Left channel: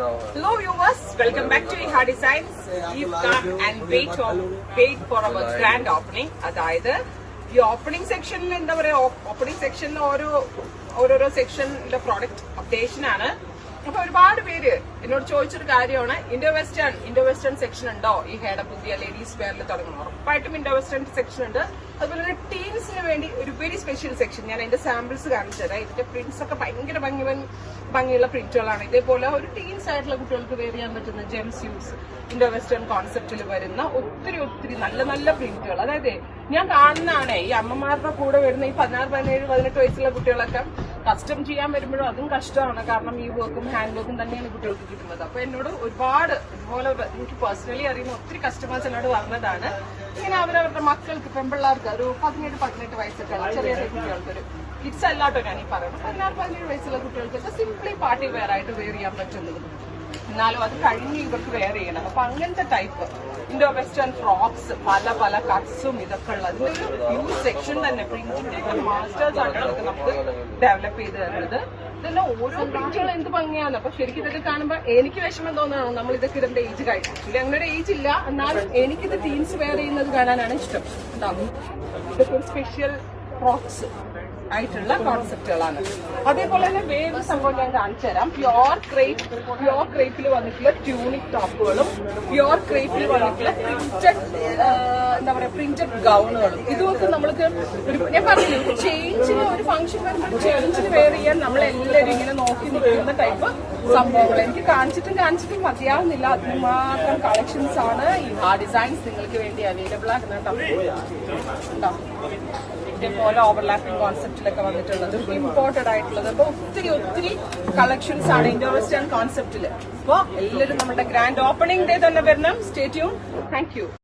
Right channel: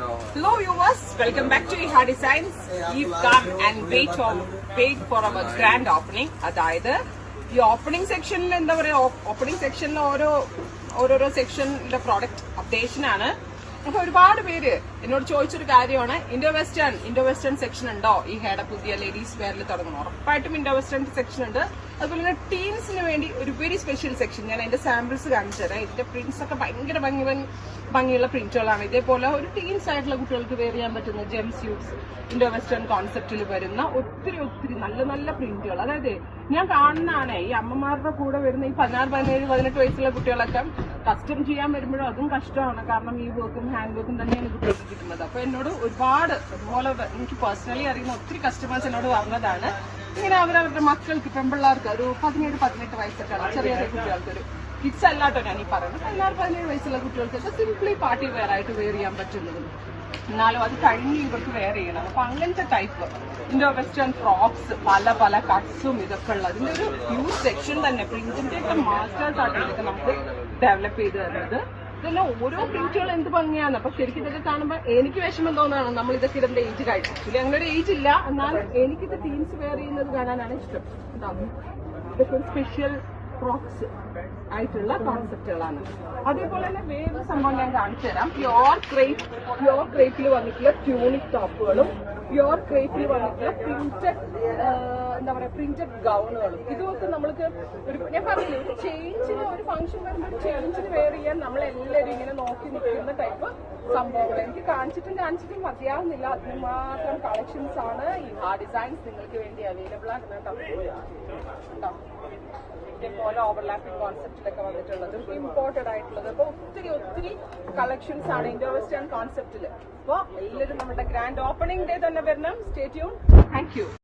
Hello viewers, welcome back to Iha Designs. You've come and wait for our grand opening. അതായത് ഈ opening സെക്ഷനിൽ എന്താ പറയാ, opening സെക്ഷനിൽ ഓരോരോ സെക്ഷനിലെ പ്രോഡക്റ്റ് അപ്ഡേഷൻ ആണ്. അപ്പൊ ഒരുപാട് പേര് എന്നോട് ചോദിച്ചൊരു കാര്യമാണ്, ഇൻഡോ വെസ്റ്റേൺ സെക്ഷൻ ഉണ്ടോ ഈ ഹെയർ പുതിയ ലേഡീസ് വെയറിൽ തുടങ്ങുന്നത്? ഉറപ്പായിട്ടും ഇൻഡോ വെസ്റ്റേൺ സെക്ഷൻ ഉണ്ട്. അതുപോലെ തന്നെ ടീൻസിന് വേണ്ടി ഒരു വെരി സ്പെഷ്യൽ സെക്ഷൻ. ഞാൻ അതിന്റെ സാമ്പിൾസ് കാണിച്ചു തരാം. ഇതിന്റെ പ്രിന്റ്സ് ഒക്കെ ഭയങ്കര ഭംഗിയുള്ള പ്രിന്റുകളാണ്. ഇതേപോലെ ഒരു ടീൻസ് ആയിട്ടുള്ള കുട്ടികൾക്ക് വെയർ ചെയ്യാൻ പറ്റുന്ന ജെം സ്യൂട്ട്സ് ഇൻഡോ വെസ്റ്റേൺ കോൺസെപ്റ്റിൽ വരുന്ന ഒത്തിരി നല്ല പ്രിന്റുകൾ. അതായത് ഞാൻ കാണുന്നതാണ് ഈ അമ്മമാരുടെ കൂടെ വരുന്ന ഈ 16, 17, 18 വയസ്സുള്ള കുട്ടികളൊക്കെ കസ്റ്റം ചെയ്യാൻ വരുമ്പോഴും അതും കഷ്ടമാണ്. കാരണം ഈ വർക്കും ഹാൻഡ് വർക്കും തന്നെയാണ് കുട്ടികൾക്ക് കിട്ടുന്നത്. അപ്പൊ എന്നോട് ഒരുപാട് ഇതുപോലെ എനിക്ക് പേഴ്സണലി അറിയുന്ന ഒത്തിരി കസ്റ്റമേഴ്സ് എന്നോട് പറഞ്ഞതാണ്, ഇങ്ങനെ അവരവരുടെ മക്കൾക്ക് പെൺപിള്ളേർക്ക് ഒരു 17-18 വയസ്സൊക്കെയുള്ള ചെറിയ കുട്ടികൾക്ക്, ഒരു കിഡ്സ് അല്ലാട്ടോ ഞാൻ ഈ പറയുന്നത്, 16-17 വയസ്സുള്ള കുട്ടികൾക്കൊക്കെ സിംപ്ലി പാർട്ടി വെയർ ആയിട്ട് വെയർ ചെയ്യാൻ പറ്റുന്നത്. എന്നാലും അത് കഴിഞ്ഞ് ഇവർക്ക് വെയർ ചെയ്യണം. അപ്പൊ അങ്ങനത്തെ ടൈപ്പ് ഇൻഡോ വെസ്റ്റേൺ ഫ്രോക്സ് പല കട്ട്സും ഇതൊക്കെ ഉള്ളത് ഒരു ഹ്യൂജ് സെക്ഷൻ തന്നെ. പ്രിന്റിന്റെ ഒക്കെ മാസ്റ്റേഴ്സ് ആയിട്ടൊക്കെ നമുക്ക് ഡെവലപ്പ് ചെയ്ത് തരുന്നത്. ഇതെല്ലാം ഓരോ പ്രിന്റുകൾ എന്ത് ഭംഗിയാണ്. അപ്പൊ ശരിക്കും ഇതൊക്കെ കാണുമ്പോൾ എനിക്ക് വിഷമം തോന്നാണ്, നമ്മൾ ഇതൊക്കെ ഇടേണ്ട ഏജ് കഴിഞ്ഞു. ആക്ച്വലി അങ്ങനെ ഏജ് ഇല്ല, എന്നാലും എനിക്കിത് ടീൻസ് വെയർ ചെയ്യുന്നത് കാണാനാണ് ഇഷ്ടം. ഉണ്ടാവും ഇതൊക്കെ ഒരു സ്പെഷ്യൽ ഫ്രോക്സ് ആയിട്ടുള്ള കോൺസെപ്റ്റുകളാണ്. അതേപോലെ തന്നെ വേറൊരു സംഭവം ഞാൻ കാണിച്ചു തരാം. പ്യോർ ക്രേപ്പിൽ വന്നിട്ടുള്ള ട്യൂണിക് ടോപ്പുകളും പ്യോർ ക്രേപ്പിൽ വന്നിട്ടുള്ള പ്രിന്റഡ് ഗൗണുകളും. ഇതുമൊക്കെ നമ്മൾക്ക് ഞാൻ പറഞ്ഞില്ല, ഒരു ചേഞ്ചിന്, ഒരു ഫംഗ്ഷൻ വരുമ്പോൾ ചേഞ്ചിന് വെയർ ചെയ്യാൻ നമ്മളെല്ലാവരും ഇങ്ങനെ നോക്കി നിൽക്കുന്ന ടൈപ്പ് സംഭവങ്ങൾ എനിക്ക് കാണിച്ചിട്ടും മതിയാവുന്നില്ല. അതിനുമാത്രം കളക്ഷൻസ് ആണ് Iha ഡിസൈൻസ് നിങ്ങൾക്ക് വേണ്ടി അവൈലബിൾ ആകുന്നുണ്ടോ. ഇതേപോലെ ഓവർലാപ്പിംഗ് കോൺസെപ്റ്റിലൊക്കെ വന്നിട്ടുള്ളത്, ഇമ്പോർട്ടഡ് ആയിട്ടുള്ളത്. അപ്പൊ ഒത്തിരി കളക്ഷൻസ് ആണ് ഇൻഡോ വെസ്റ്റേൺ കോൺസെപ്റ്റില്. അപ്പൊ എല്ലാവരും നമ്മുടെ ഗ്രാൻഡ് ഓപ്പണിംഗ് ഡേ തന്നെ വരണം. Stay tune. Thank you.